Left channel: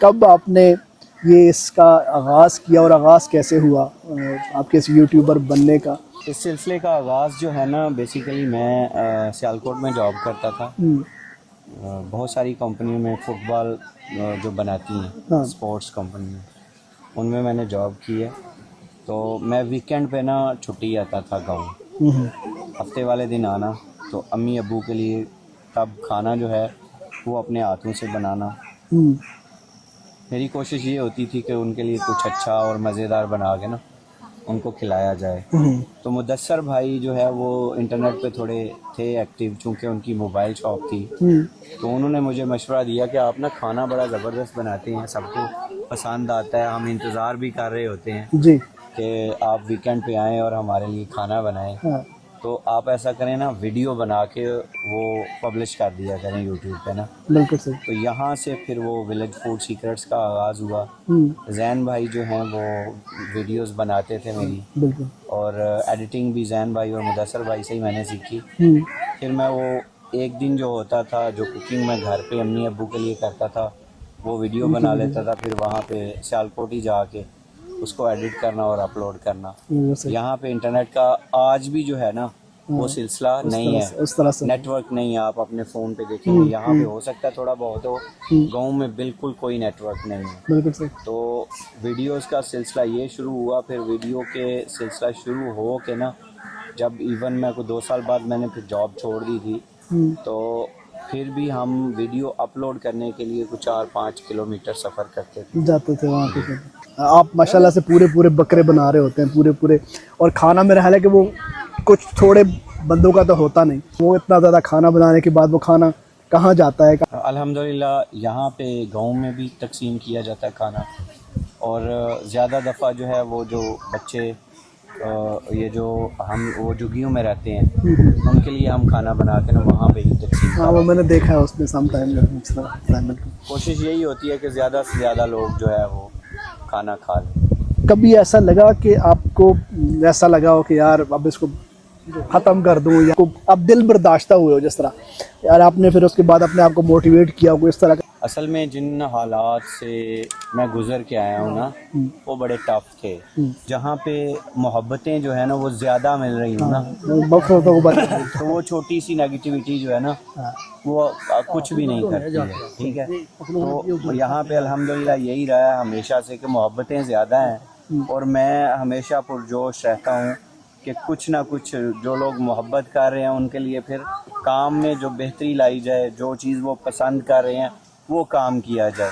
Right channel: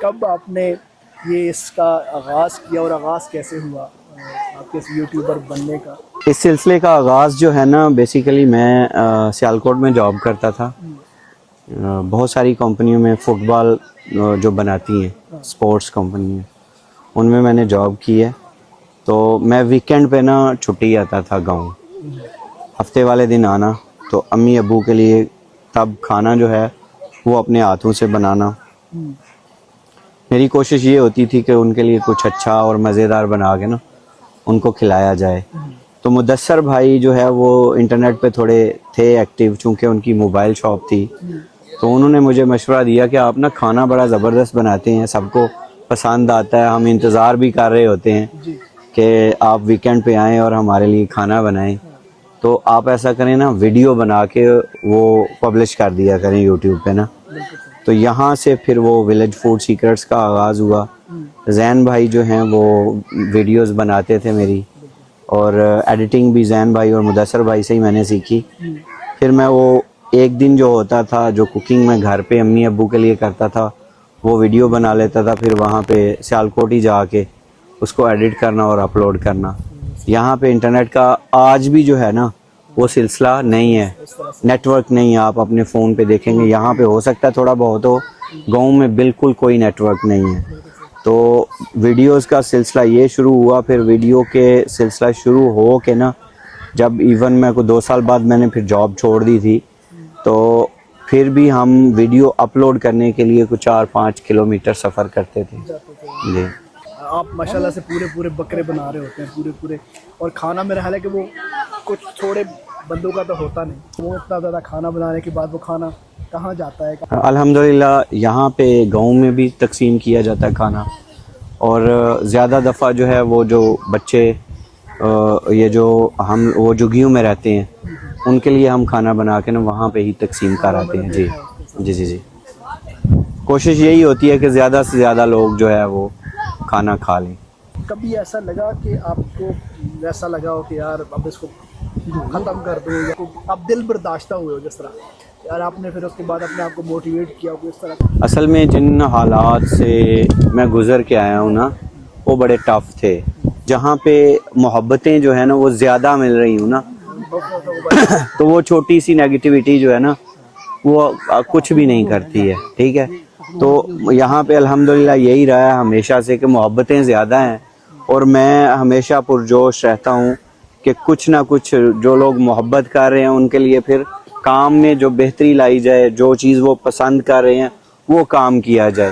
کب آپ نے یہ اس کا آغاز کیا اور آغاز کیسے ہوا آپ کے اس یوٹیوبر بننے کا؟ اس سلسلے کا آغاز جو ہے نا بیسیکلی میں سیالکوٹ میں جاب کرتا تھا. بہت ساری کمپنیوں میں فٹ بال جو بناتی ہیں سپورٹس کمپنی میں نے جاب کی ہے. تو میں ویکینڈ پہ نا چھٹی آتا تھا گاؤں, ہفتے والے دن آنا, تو امی ابو کے لیے تب کھانا جو ہے وہ اپنے ہاتھوں سے بنانا. میری کوشش یہ ہوتی تھی کہ ان کے لیے کچھ اچھا اور مزیدار بنا کے نا ان کو کھلایا جائے. تو مدثر بھائی جو ہے وہ انٹرنیٹ پہ تھوڑے تھے ایکٹیو, چونکہ ان کی موبائل شاپ تھی, تو انہوں نے مجھے مشورہ دیا کہ آپ نا کھانا بڑا زبردست بناتے ہیں, سب کو پسند آتا ہے, ہم انتظار بھی کر رہے ہوتے ہیں کہ آپ ویکینڈ پہ آئیں اور ہمارے لیے کھانا بنائیں. تو آپ ایسا کریں نا, ویڈیو بنا کے وہ پبلش کر دیا کریں یوٹیوب پہ نا. تو یہاں سے پھر وہ ولیج فوڈ سیکرٹس کا آغاز ہوا. زین بھائی جو ہیں وہ ویڈیوز بناتے تھے میری, اور ایڈیٹنگ بھی زین بھائی اور مدثر بھائی سے ہی میں نے سیکھی. پھر میں وہ ایک دن جو ہوتا تھا جو کوکنگ میں گھر پہ امی ابو کے لیے کرتا تھا وہ ویڈیو بنا لیتا تھا, پھر وہاں پہ سیالکوٹ ہی جا کے اس کو ایڈٹ کرنا اور اپلوڈ کرنا. یہاں پہ انٹرنیٹ کا آج بھی جو ہے نا وہ سلسلہ نہیں ہے, نیٹ ورک نہیں ہے. آپ اپنے فون پہ دیکھیں گے یہاں پہ ہو سکتا ہے تھوڑا بہت ہو, گاؤں میں بالکل کوئی نیٹ ورک نہیں ہے. تو ویڈیوز کا سلسلہ یہ شروع ہوا, پھر ویڈیو کے سلسلہ شروع ہو کے نا جب ایون میں کو 2 سال بعد میں نے پھر جاب چھوڑ دی تھی, تو پھر بھی ہم ویڈیو اپلوڈ کرنے کے لیے کچھ 4-5 کلومیٹر سفر کرتے تھے. جاتے تھے وہاں. آپ ماشاءاللہ سے پورے بکرے بنا رہے ہوتے ہیں پورے, اور کھانا میرا خیال ہے کہ وہ کچھ تھوڑے بندوں کا تو ہوتا نہیں, وہ اتنا زیادہ کھانا بنانے کے بعد وہ کھانا کہاں جاتا ہے؟ الحمدللہ یہاں پہ گاؤں میں بھی تقسیم کیا جاتا ہے کھانا, اور زیادہ دفعہ جو ہے وہ جو بچے یہ جو ہم وہ جھگیوں میں رہتے ہیں ان کے لیے ہم کھانا بنا کے نا وہاں پہ ہی تقسیم کراتے ہیں. جی. کوشش یہی ہوتی ہے کہ زیادہ سے زیادہ لوگ جو ہے وہ کھانا کھا لیں. کبھی ایسا لگا کہ آپ کو ایسا لگا ہو کہ یار اب اس کو ختم کر دوں, یا اب دل برداشتہ ہوئے ہو جس طرح یار آپ نے پھر اس کے بعد اپنے آپ کو موٹیویٹ کیا ہو اس طرح؟ اصل میں جن حالات سے میں گزر کے آیا ہوں نا وہ بڑے ٹف تھے, جہاں پہ محبتیں جو ہے نا وہ زیادہ مل رہی ہوں نا تو وہ چھوٹی سی نیگیٹیوٹی جو ہے نا وہ کچھ بھی نہیں کرتی ہے. ٹھیک ہے, تو یہاں پہ الحمدللہ یہی رہا ہے ہمیشہ سے کہ محبتیں زیادہ ہیں, اور میں ہمیشہ پرجوش رہتا ہوں کہ کچھ نہ کچھ جو لوگ محبت کر رہے ہیں ان کے لیے پھر کام میں جو بہتری لائی جائے, جو چیز وہ پسند کر رہے ہیں وہ کام کیا جائے.